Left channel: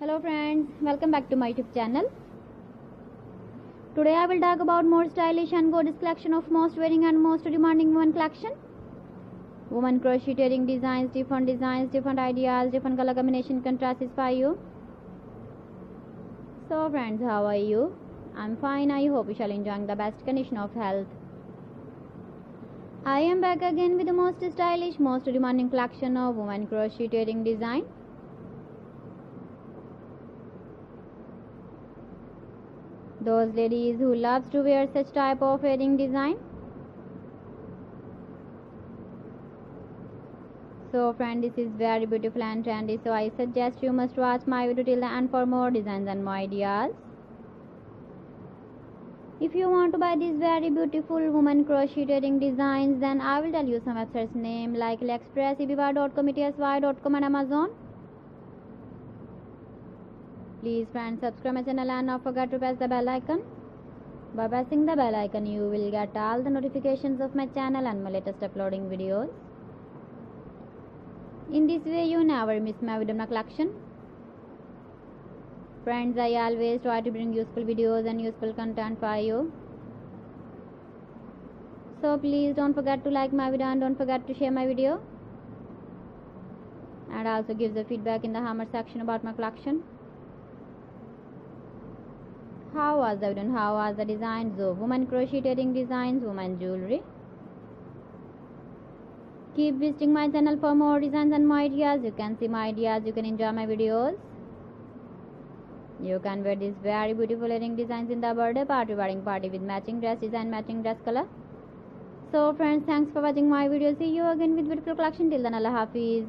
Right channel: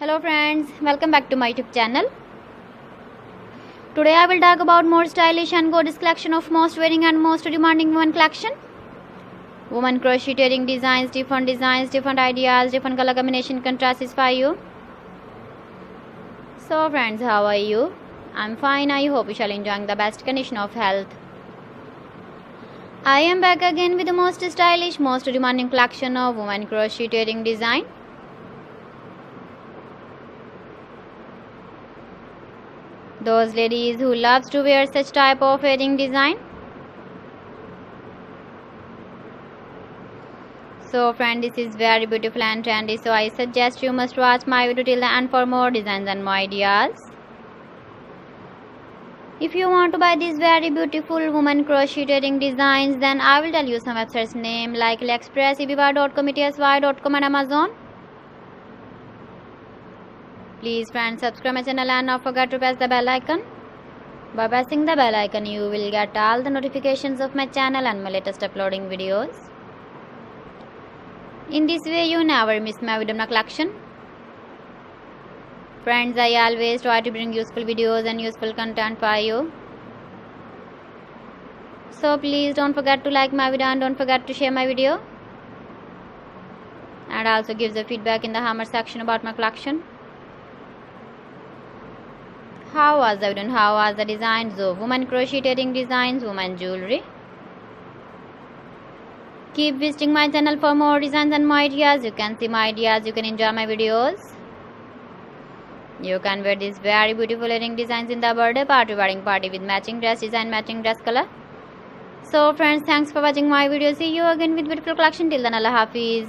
Hello friends, welcome back to my YouTube channel. Today I will talk about more stylish and gorgeous collection of most wearing and most demanding women collection. Women crocheting designs, different ideas, different color combination can satisfy you. So friends, how are you? I'm fine. I hope you shall enjoying the best condition of health. I am back again with the most stylish, most demanding collection of women crocheting design. Those ladies who loves to wear such type of wedding design. So friend, this is very beautiful and trendy, so I suggest you must watch my video till the end for more designs and more ideas. If you want to buy these very beautiful woman crocheting designs, then I will tell you some websites name like AliExpress, eBay.com, etsy.com and Amazon. Please friends, subscribe my channel and not forget to press the bell icon. By pressing the bell icon, you will get all the notifications of my channel and my latest uploading videos. In this way, you never miss my video collection. Friends, I always try to bring useful videos and useful content for you. So please don't forget to like my video and don't forget to share my video. And also give the feedback in the comment section about my collection. How was the video and how was the designs of women crocheting designs, women jewelry? Keep visiting my channel for more designs and more ideas. You can see my ideas, you can enjoy my videos. You can wear these very beautiful wedding designs in the birthday party, wedding party with matching dress design, matching dress color. So friends, thanks for watching my video. See you again with beautiful collection. Till then, Allah Hafiz.